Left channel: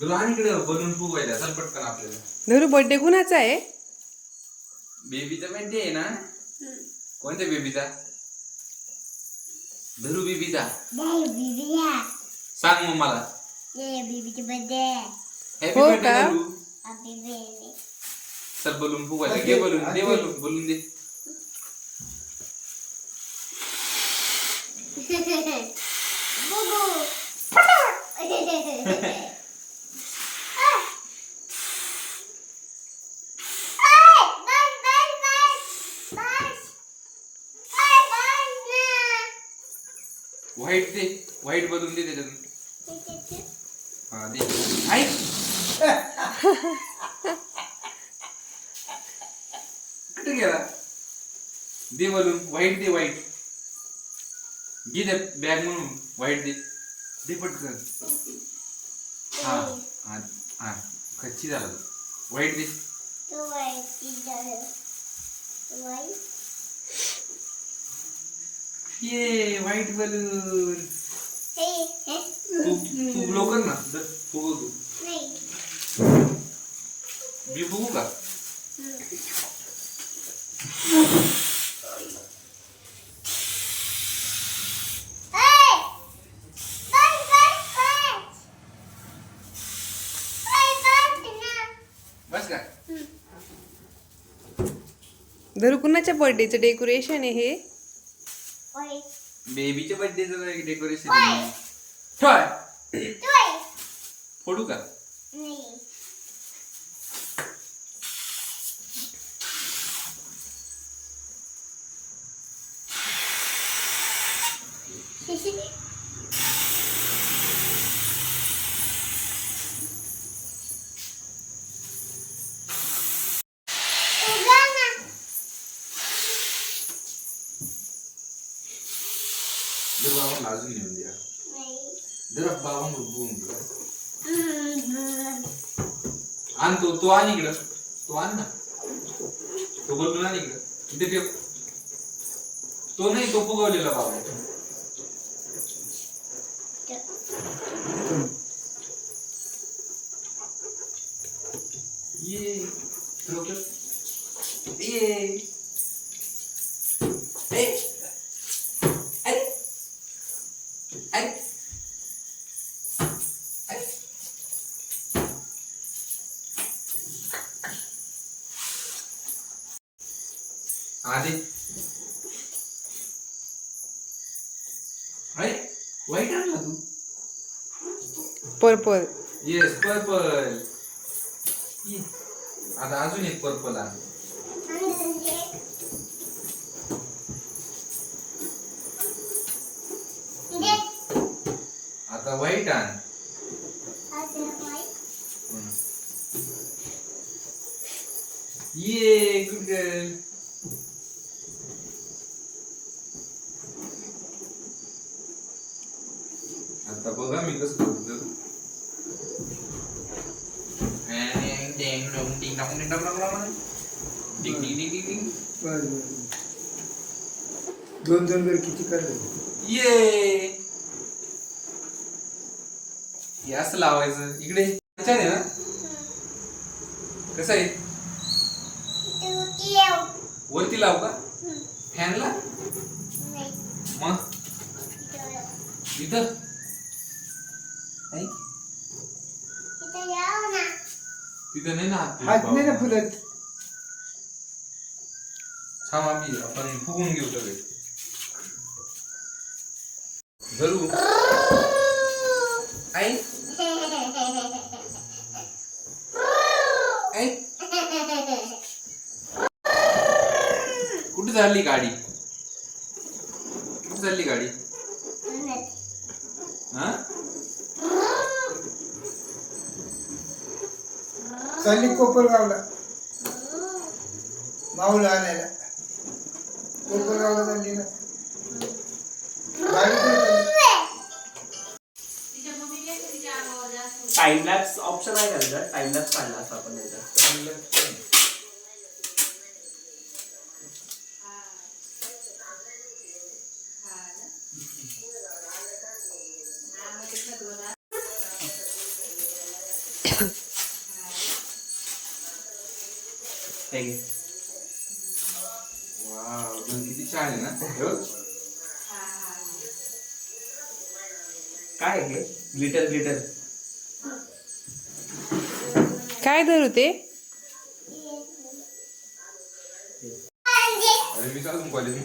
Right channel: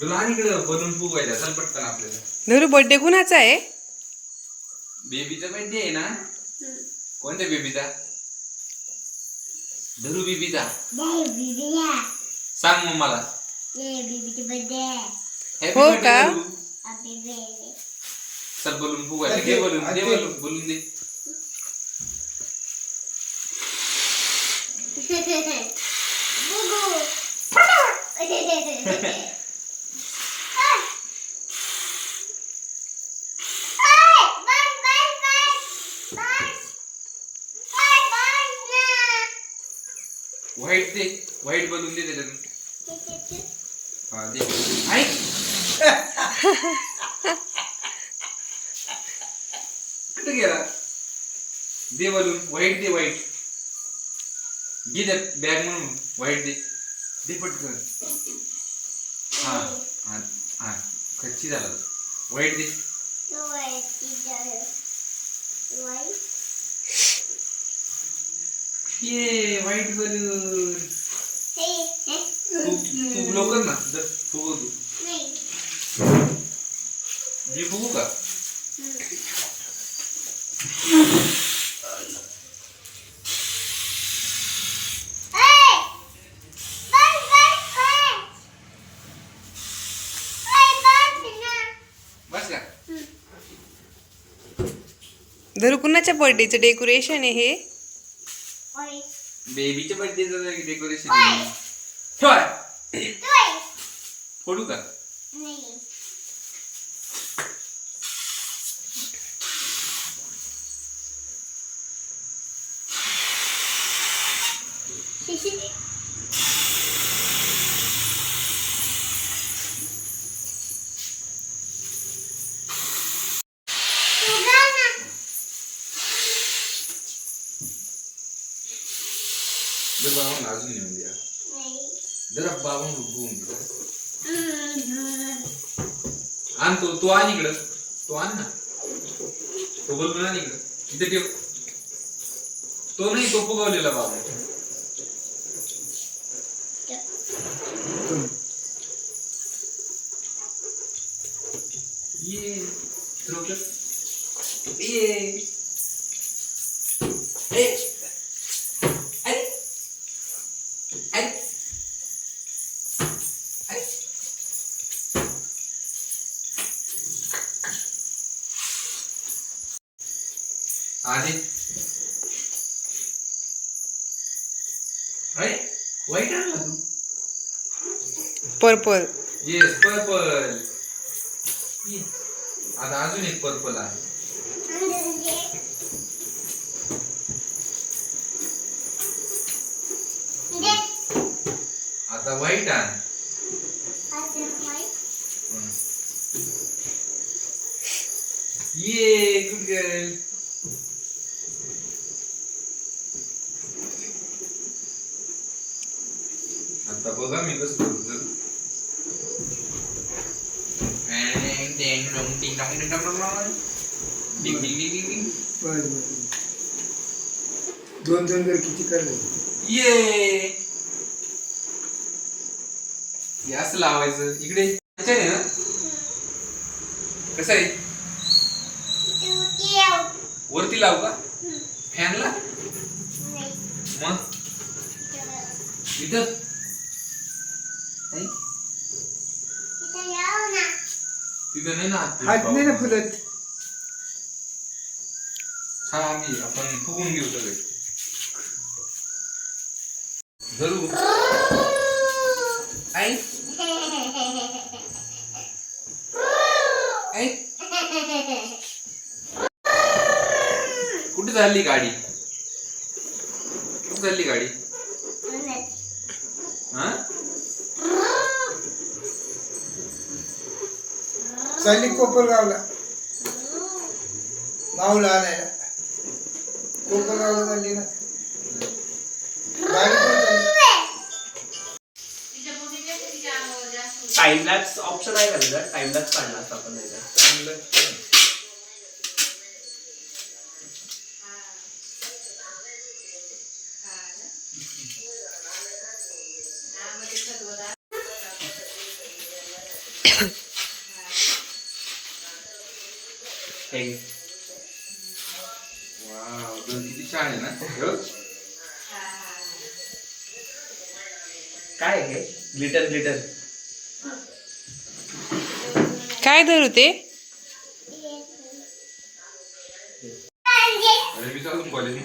लहानकडे balloon फुगवायला चल पटकन आपल्याला. धरू बर्थडे कुणाचा आहे? बेबीचा बर्थडे आहे ना. कोणत्या बेबीचा? धरू बेबीचा. सांग मग मला. हो का? चल बलून फुगवायला. घे बलून, दे बलून, बलून दे. व्हाईट दे, व्हाईट बलून दे त्याच्यातून. हा दे. ऐक कुठे गेला? दे बलून, व्हाईट दे, व्हाईट घे दे बॅग म्हणून. व्हाईट दे, दे पटकन. हा हा हा खच्ची झाला. व्हाईट दे. ये व्हाईट बलून. तू लवकर ना फुगव तू. मी फुगू का? बस का? धरू कुणाच्या बर्थडेचं डेकोरेशन आहे हे? बेबीच्या बर्थडेचं डेकोरेशन आहे. ठेव. फोडू का? बाबा अजून येऊन द्या जरा. बाबा आण तो आण इकडं. तो आण ना. तो बोलतो ना इकडं. इथे ठेव. तो नाही, तो फुगवलेला बाबा. ये ये आधी व्हाईट आणला तू. पर्पल. Yes purple. आता अजून एक पर्पल आहे. आता व्हाईट आण. ये गुड गर्ल. आता बघा मी कसं करतो. दोन दोन किती करले. ये असं लावायचं इकडे. आहे ना कसं आहे? वरती लाव का फॅनला? मग इथं तिथं नाही ना. हात नाही ना फुलत. छान आम्ही आपण फुगून घेऊ सगळे. धरू आई आई कुठे चालली गाडी? कुठे चालली गाडी? हा चालली कोपरगावला माऊला आणायला. कोपरगावला चालली ना गाडी पण चालली. टाइम लॅप्स ऑप्शन आहे का त्याचा? टाइम लॅप्स काढला असता आपण त्याचा. हे घे. वाव, दोन किती छान आहे ना हो? काय हे ग्लिटर ग्लिटर काय धरू ते? अरे मी चालू कॉलेज